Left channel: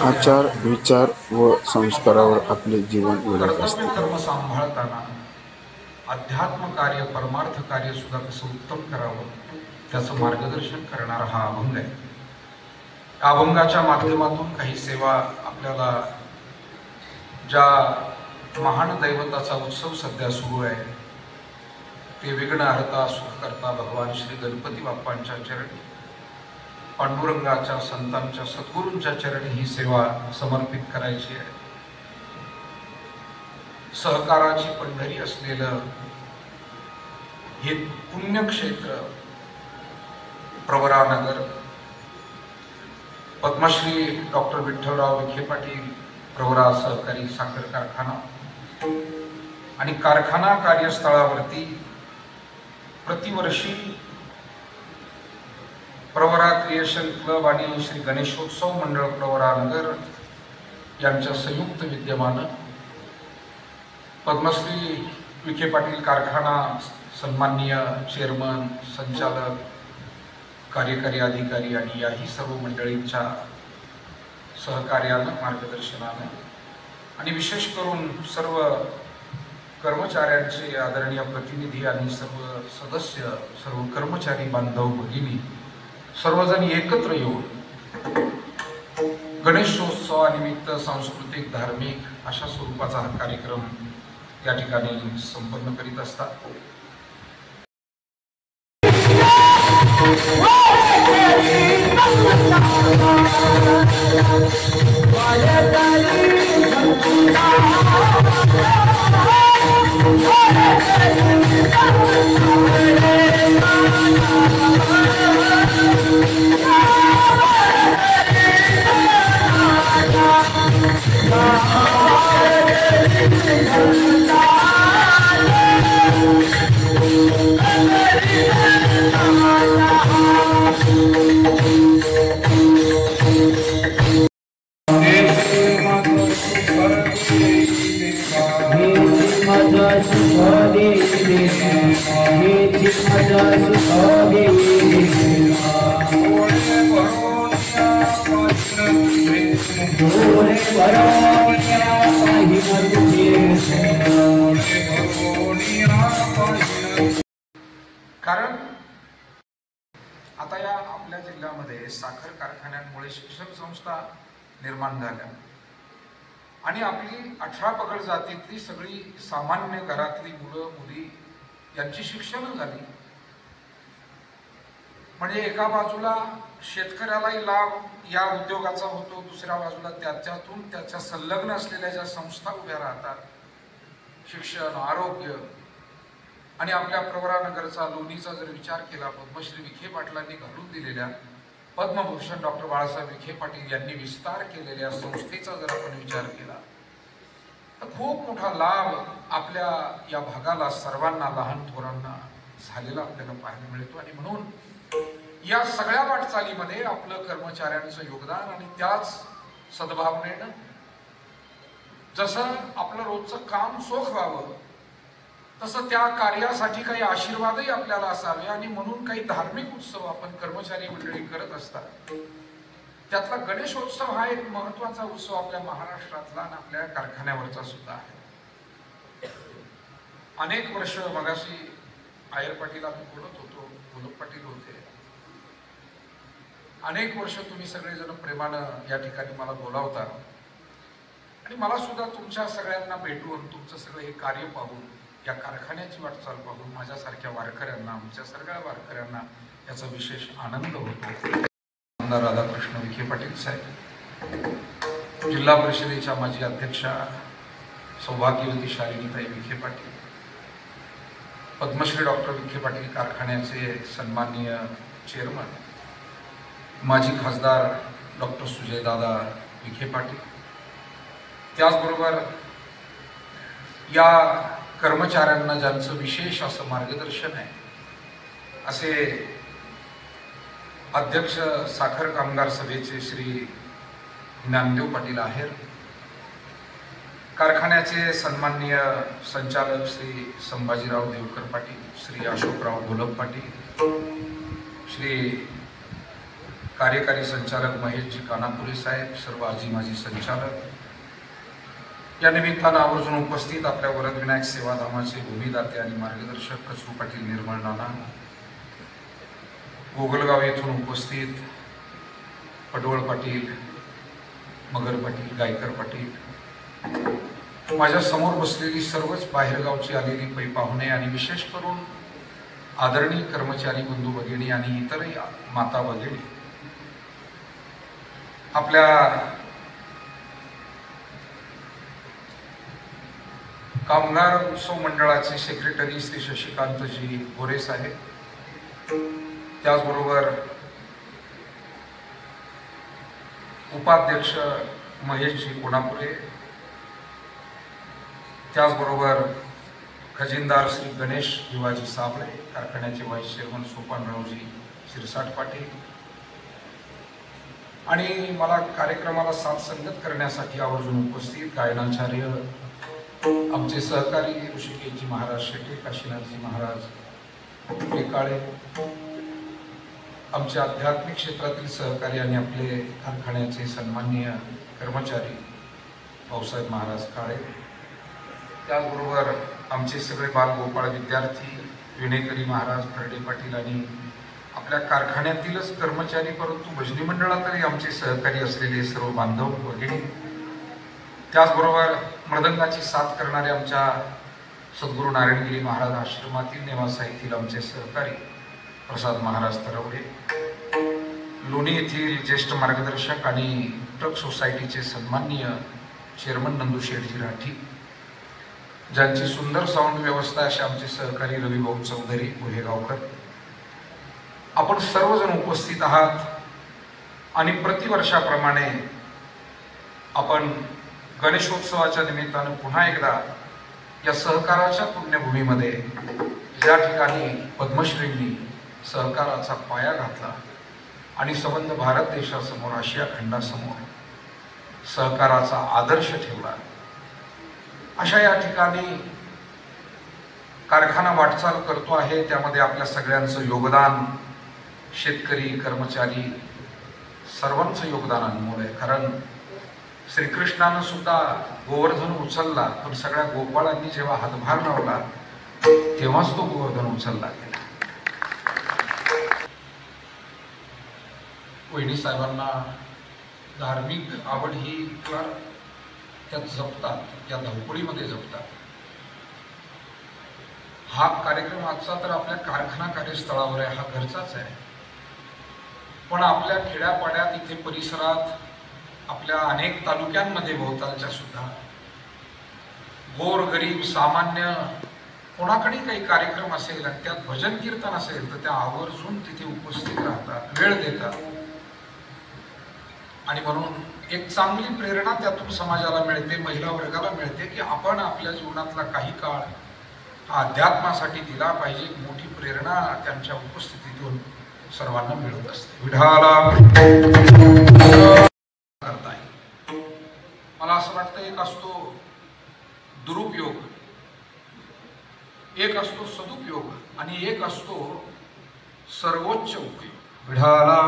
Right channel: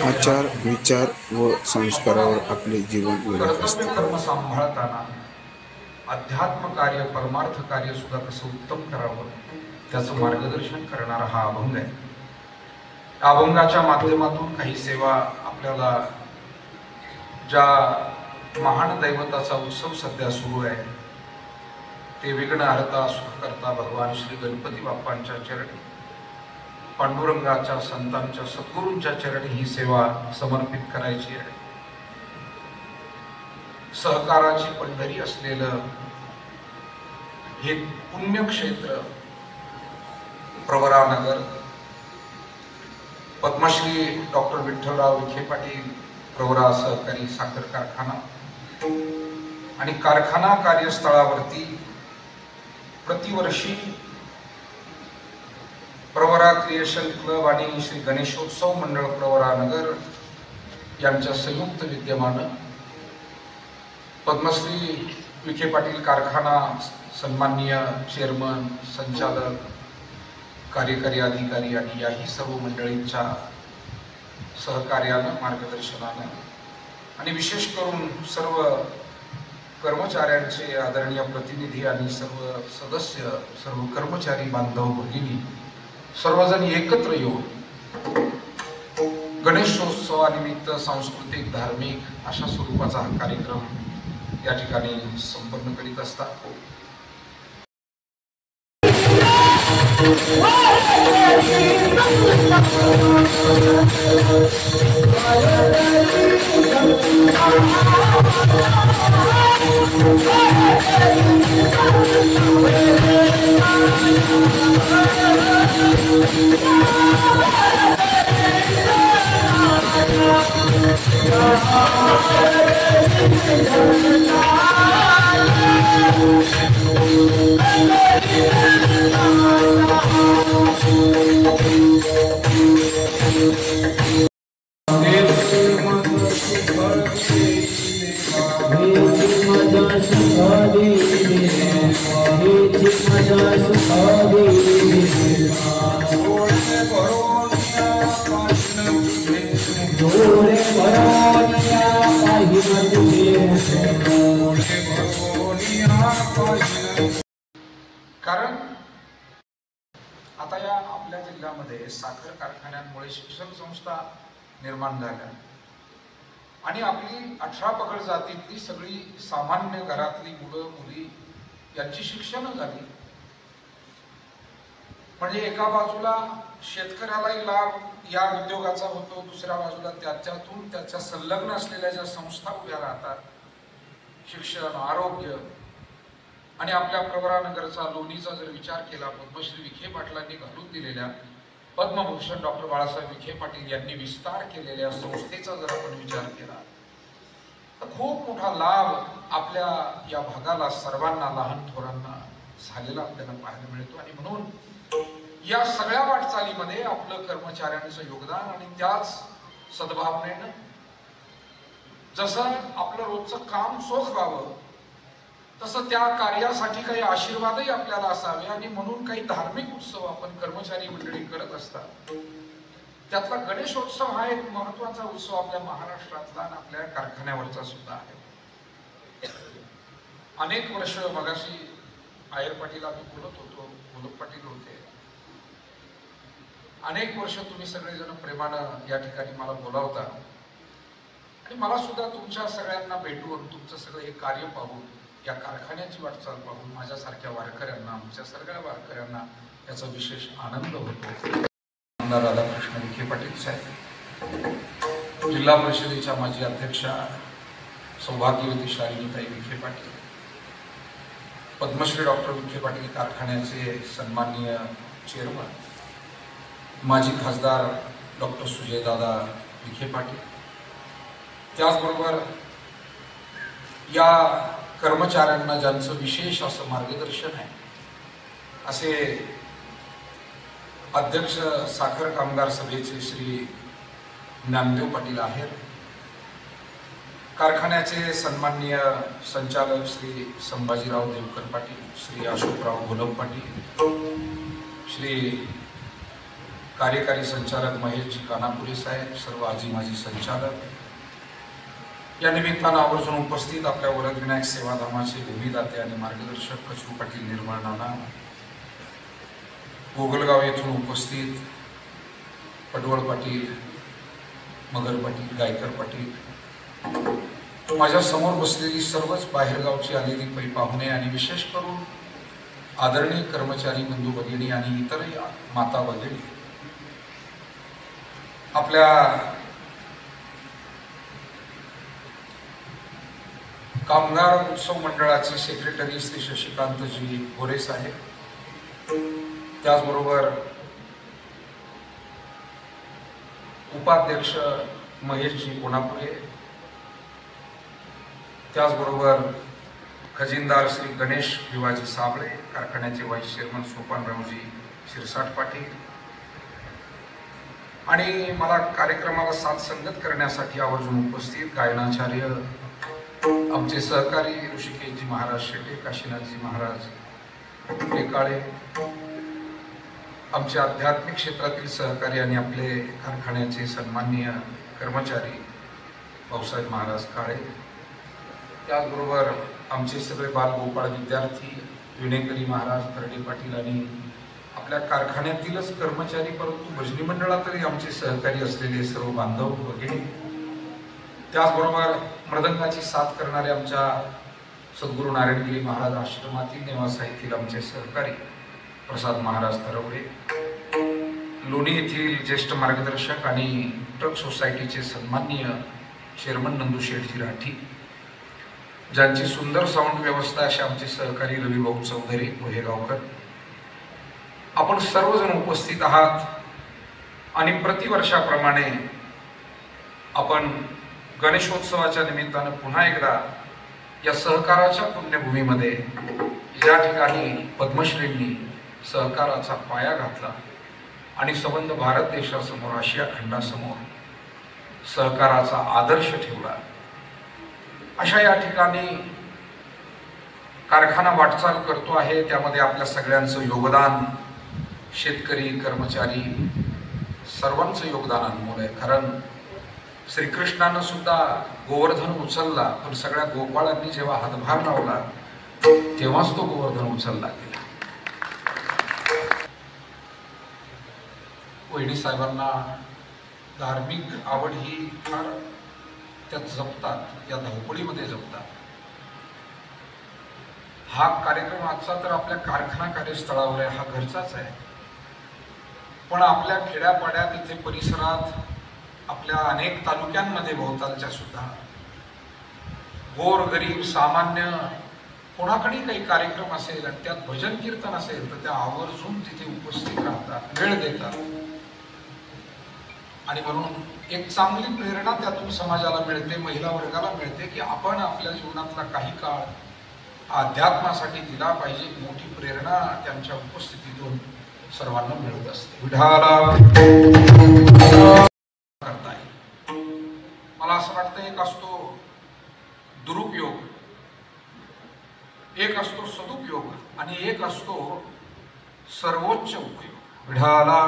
आचार विचार व संस्कारावर आपले जीवन वेढत असते. कर्म सांभाळताना अध्यात्म कार्य परमार्थ कार्य सुद्धा कसं उत्तम करावं त्याचं मार्गदर्शन करणारा हा अभंग आहे. अभंगाच्या माध्यमातून काही सेवा आपल्याला ज्या महान दैवताचा उत्सव सध्या सुरू आहे ते विघ्नहर्ता सुखकर्ता भगवान श्री गणपती बाप्पांच्या चरणी पांडुरंगाच्या संतांच्या सद्गुरूंच्या चरणी ही सेवा समर्पित करायची आहे. सहकाराची पंढरी असलेलं हे पुण्यक्षेत्र प्रवरानगर पद्मश्री डॉक्टर विठ्ठलराव विखे पाटील प्रवरा सहकारी साखर कारखाना आणि कारखाना कार्यस्थळावरती प्रतिवर्षी प्रवरा क्रिएशन क्लब आणि श्री गणेशोत्सव मंडळ प्रवरानगर यांच्या संयुक्त विद्यमानं पद्मश्री विखे पाटील कारखाना सन्माननीय चेअरमन संचालक कार्यकारी अधिकारी आणि याही सर्व मंडळींच्या सहकार्यानं मार्गदर्शनानं आणि विशेष करून सर्व कर्मचाऱ्यांचे आदरणीय प्रतिनिधी आणि सर्व सदस्य सर्व कर्मचारी बांधव भगिनी सर्वजण एकत्र येऊन गणेशोत्सवानिमित्त सांस्कृतिक धार्मिक अशा स्वरूपाचा हा कार्यक्रम या ठिकाणी संपन्न करीत असतात. कारण आता या आपल्या जिल्ह्यामध्ये साखर कारखान्यांमुळे शिक्षण संस्था निर्माण झाल्या आणि आपली 18 पगड जातीतली सगळी सामान्य घरातली मुलं मुली यांची शिक्षण झाली. म्हणजे एका बाजूला शेतकऱ्यालाही लाभ या उद्योगाचा होतो, दुसऱ्या बाजूला त्याच्यातून त्याच्या संलग्न असलेल्या ज्या संस्था उभ्या राहतात, शिक्षण आरोग्य आणि आपल्या प्रवरानगरचा लोणीचा जर विचार केला पद्मश्री विखे पाटलांनी घालून दिलेल्या पद्मभूषण डॉक्टर बाळासाहेब विखे पाटील यांनी विस्तार केलेल्या संस्थेचा जर आपण विचार केला तर खूप मोठा लाभ आपल्या या भागाला सर्वांना लहान थोरांना झालेला आपल्याला पाहायला मिळतो. आणि म्हणून या सगळ्या वाटचालीमध्ये आपलं कर्मचाऱ्यांचं योगदान आणि त्याच सद्भावनेनं जसं आपलं रोजचं काम सोख व्हावं तसं त्या कार्यासाठी काही आशीर्वादही आपल्याला असावे आणि म्हणून काही धार्मिक उत्सव आपण कर्मचारी मंडळी करत असतात. त्यातला गणेशोत्सव हा एक महत्वाचा उत्सव आपल्या महाराष्ट्रातला आणि आपल्या कारखान्यावरचा सुद्धा आहे. अनेक वर्ष मगाशी आयर पाटील आम्ही बोलत होतो, गोलप पाटील होते. अनेक वर्ष तुम्ही सगळेजण प्रेमानं या ठिकाणी मला बोलावता आणि मला सुद्धा तुमच्या सगळ्यांना भेटून तुमचं सगळं हे कार्य पाहून या कारखान्याची वाटचाल पाहून माझ्यासारख्या वारकऱ्यांना आमच्या सगळ्या वारकऱ्यांना याचा विशेष आनंद होतो. आमदार राधाकृष्ण विखे पाटील साहेब, जिल्हा परिषदेच्या माजी अध्यक्षा सौभाग्यवती शालिनीताई विखे पाटील, पद्मश्री डॉक्टर विखे पाटील कारखान्याचे सन्माननीय चेअरमन माजी खासदार डॉक्टर सुजयदादा विखे पाटील, त्याचबरोबर या कर्मचाऱ्यांना ज्यांचं विशेष असं मार्गदर्शन आहे असे अध्यक्ष साखर कामगार सभेचे श्री ज्ञानदेव पाटील आहेर, कारखान्याचे सन्माननीय संचालक श्री संभाजीराव देवकर पाटील, श्री अशोकराव गोलप पाटील, श्री कार्यकारी संचालक महेशजी कानापुरे साहेब, सर्व आजी माजी संचालक, या निमित्तानं आवर्जून उपस्थित आपल्या वरदविनायक सेवाधामाचे भूमिदाते आणि मार्गदर्शक कचरू पाटील निर्मळ नाना, गोगलगाव येथून उपस्थित पडवळ पाटील, मगर पाटील, गायकर पाटील, माझ्या समोर बसलेली सर्वच बाहेरगावची आलेली पै पाहुणे आणि विशेष करून आदरणीय कर्मचारी बंधू भगिनी आणि इतरही माता भगिनी, आपल्या कामगार उत्सव मंडळाचे सेक्रेटरी श्री शशिकांतजी गोरे साहेब, त्याचबरोबर उपाध्यक्ष महेशजी कोणापुरे, त्याचबरोबर खजिनदार श्री गणेश भिवाजी साबळे, कारखान्याचे व्हाईस चेअरमन सोपानरावजी शिरसाट पाटील, आणि मला कार्यक्रमाला साथ संगत करण्यासाठी आवर्जून उपस्थित गायनाचार्य आमचे सहकारी ऋषिकेशजी महाराज शेटे, काशीनाथजी महाराज टेकाळे, आमचे आध्यात्मिक क्षेत्रातील सहकारी आणि आपले कारखान्याचे सन्माननीय कर्मचारी भाऊसाहेब महाराज काळे, त्याचबरोबर आमचे सगळे बालगोपाळ विद्यार्थी विणेकरी महाराज तरडे पाटील आणि आपल्या कारखान्यातीलच कर्मचारी परंतु भजनी मंडळातही आमचे सहकारी असलेले सर्व बांधव भगिनी, त्याचबरोबर मृदंगाची साथ करणारे आमच्या सद्गुरू नारायणगिरी महाराज आश्रमातील निवासा येथील आमचे सहकारी प्रसाद महाराज तरवडे, लोणी येथील ज्येष्ठ मार्गदर्शक आणि ट्रक सोसायटीचे सन्माननीय चेअरमन नंदू शेठजी राठी, ज्यांची सुंदर साऊंड व्यवस्था असे आमचे सहकारी रविभाऊ चौधरी पुढेगावकर, आपण सर्वजण उपस्थित आहात आणि प्रतिवर्षाप्रमाणे आपण गणेशोत्सवाच्या निमित्तानं पुन्हा एकदा या सहकाराच्या पुण्यभूमीमध्ये या ठिकाणी पद्मश्रींनी सहकाराचा पाया घातला आणि संबंध भारत देशासमोर, आशिया खंडासमोर सहकाराचा आदर्श ठेवला. अशा या ठिकाणी कारखाना वाटचाल करतो आहे, त्यामध्ये आपल्या सगळ्यांचं योगदान, शेतकरी, कर्मचारी सर्वांचं योगदान अनमोल आहे. कारण श्रीकृष्णानं सुद्धा गोवर्धन उचलला, पण सगळ्या गोपाळांनी जेव्हा हातभार लावला तेव्हाच तो गोवर्धन उचलला गेला. वहिनी साहेबांना धार्मिक आवड ही फार त्यात जपतात, या धावपळीमध्ये जपतात. हा कार्यक्रम आजचा तर आपल्या कारखाना कार्यस्थळावर आहे, हा घरचाच आहे, पण आपल्या खेड्यापाड्यात इथे परिसरात आपल्या अनेक तालुक्यांमध्ये भोवतालच्या सुद्धा गोर गरीब सामान्य कोणाकडे काही कार्यक्रम असेल आणि त्यात भजन कीर्तन असेल तर त्या आवर्जून तिथे उपस्थित राहतात, वेळ देतात. आणि म्हणून एक चांगली प्रेरणा त्यातून समाजाला मिळते, महिला वर्गाला मिळते की आपण आपल्या जीवनातला काही काळ अध्यात्मासाठी दिला पाहिजे. मोठी प्रेरणा त्यांच्या उपस्थितीतून सर्वांना मिळत असते. विढाला करता येईल. मला असं वाटतं एक असतो दुरुपयोग, एक असतो सदुपयोग आणि एक असतो सर्वोच्च उपयोग. विढाला